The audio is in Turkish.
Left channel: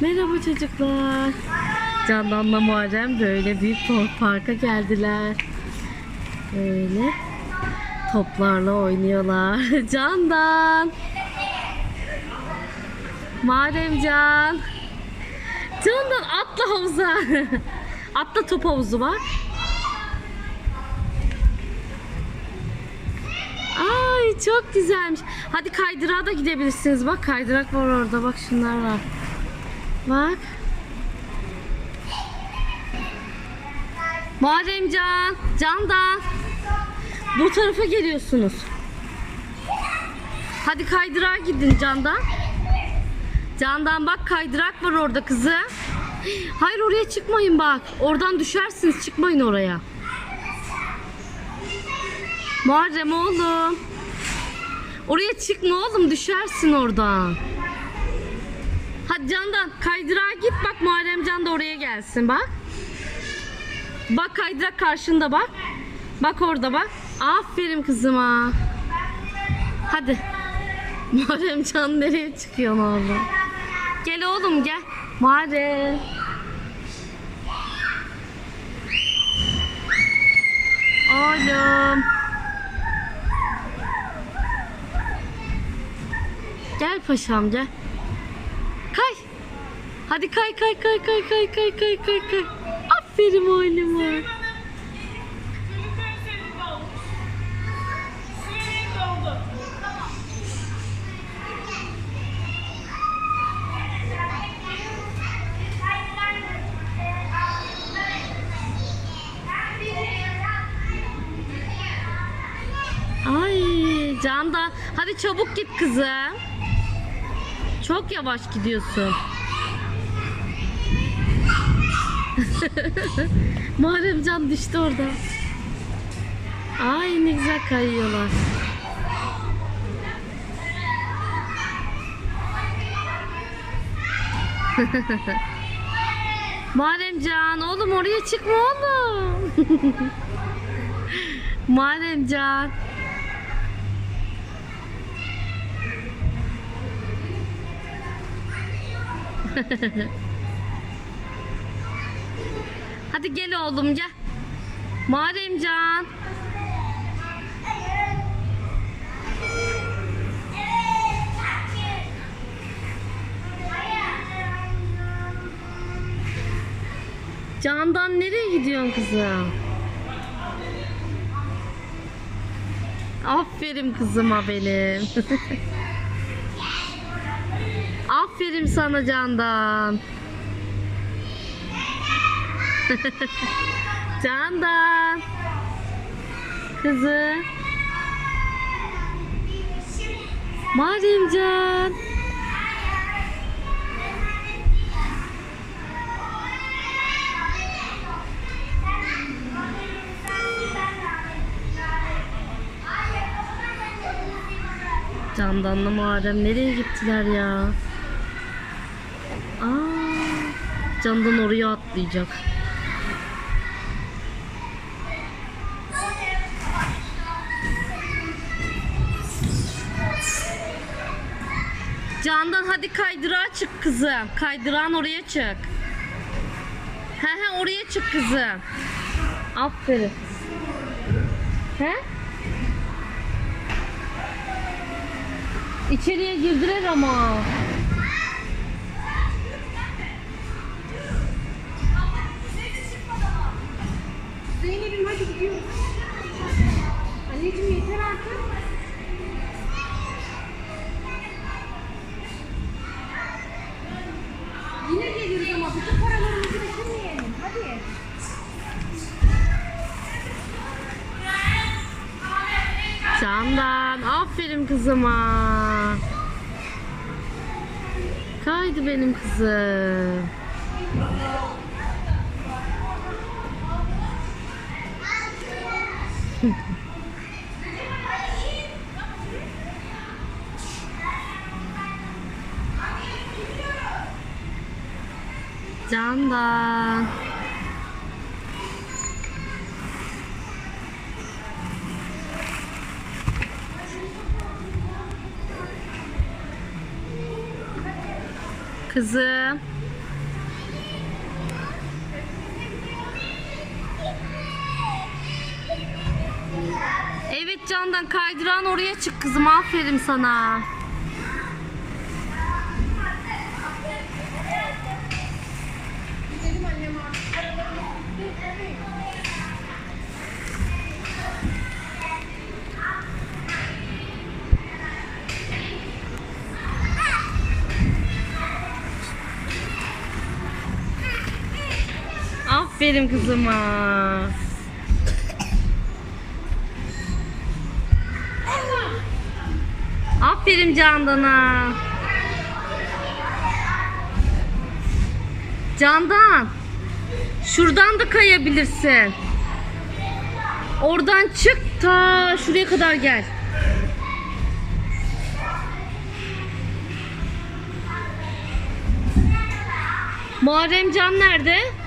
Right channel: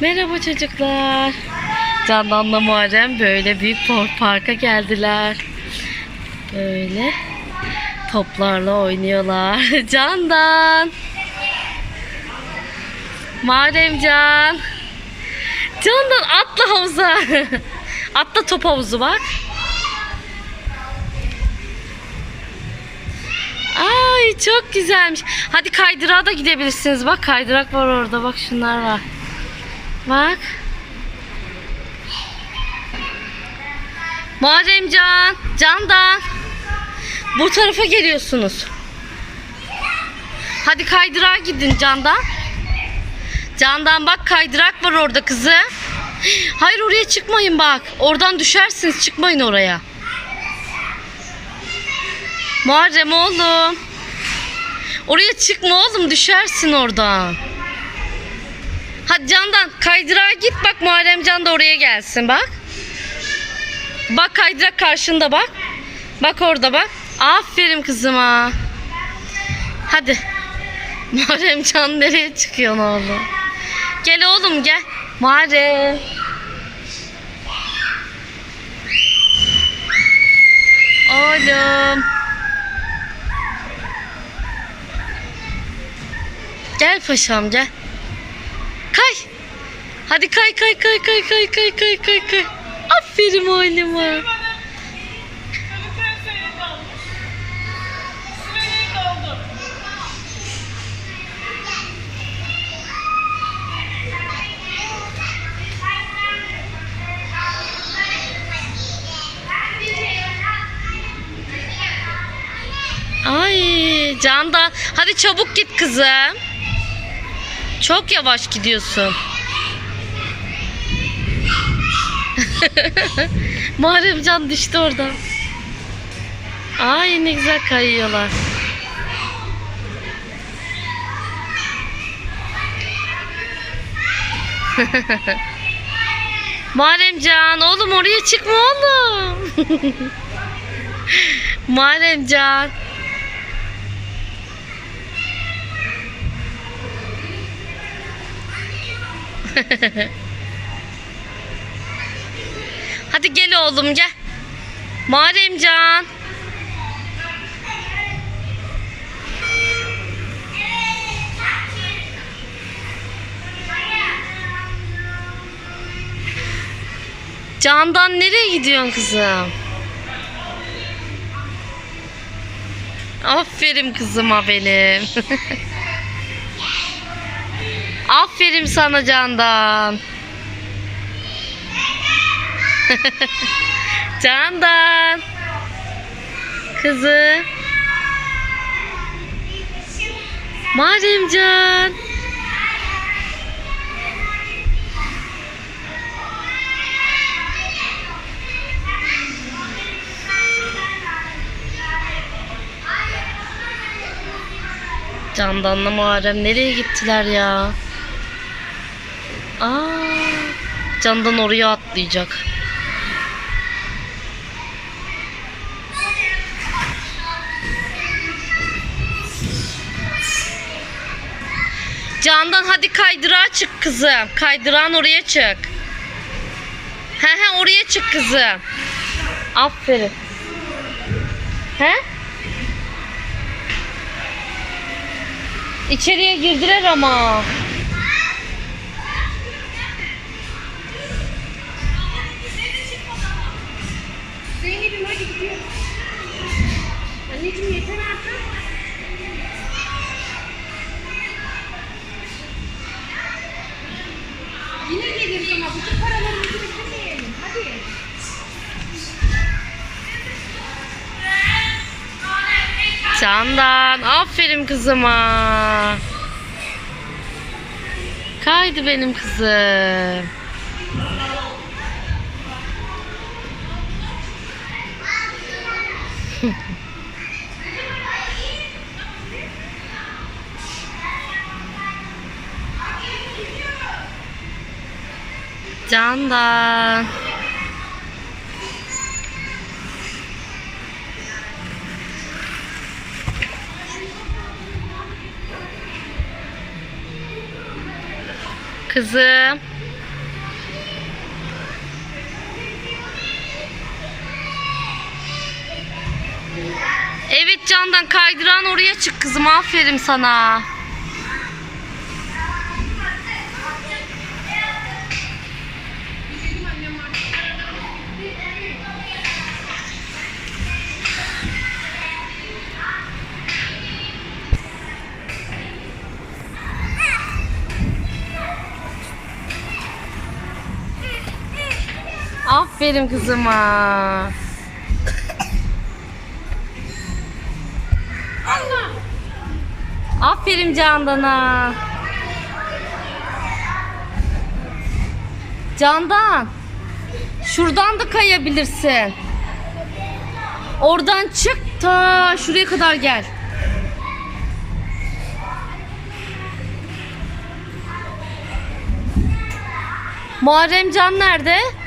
Merhaba çocuklar. Candan'la Muharrem böyle büyük par- parka geldiler. Böyle toplarla oynuyorlar. Candan. Muharremcan. Candan atla havuza. atla top havuzu bak. Ay çok güzelmiş. Hadi kaydırağa da gidebilirsiniz. Bak kaydırak var orada. Bak şunlar var. Bak. Muharremcan, Candan. Bu tarafa geliyorsunuz. Hadi kaydırağa gidin Candan. Candan bak kaydırak var orada kızı. Hayır oraya çıkmayın bak. Oradan düşersiniz. Çıkmayın oraya. Muharrem oğlum. Oraya çıkma oğlum düşersin oradan. Hadi Candan kaydırağa git bak Muharrem Can da oraya gelsin bak. Bak kaydırak karşında bak. Bak orada bak. Aferin kızıma. Hadi. Muharrem Can nereye çıkıyorsun oğlum? Gel oğlum gel. Muharrem. Oğlum. Gel paşam gel. Hadi kay kay kay kay kay kay kay kay kay. Aferin oğluma. Ay Candan. Hadi çabuk git kızım. Çok yavaş gidiyorsun. Muharrem Can düştü oradan. Ay ne güzel kayıyorlar. Muharrem Can oğlum oraya çıkma oğlum. Muharrem Can. Hadi gel oğlum gel. Muharremcan. Candan nereye gidiyorsun kızım? Aferin kızıma benim. Aferin sana Candan. Candan. Kızı. Muharremcan. Candan'la Muharrem nereye gittiler ya? Aa, Candan oraya atlayacak. Candan hadi kaydırağa çık kızım. Kaydırağın oraya çık. He he oraya çık kızım. Aferin. He? İçeriye girdiler ama. Zeynep'im hadi gidiyoruz. Geliriz ama bütün paralarımızı bitirmeyelim. Hadi. Candan aferin kızıma. Kaydı benim kızım. Can da. Kızım. Evet Candan kaydıran oraya çık kızım aferin sana. Aferin kızıma. Aferin Candan'a. Candan. Şuradan da kayabilirsin. Oradan çık ta şuraya kadar gel. Muharrem Can nerede?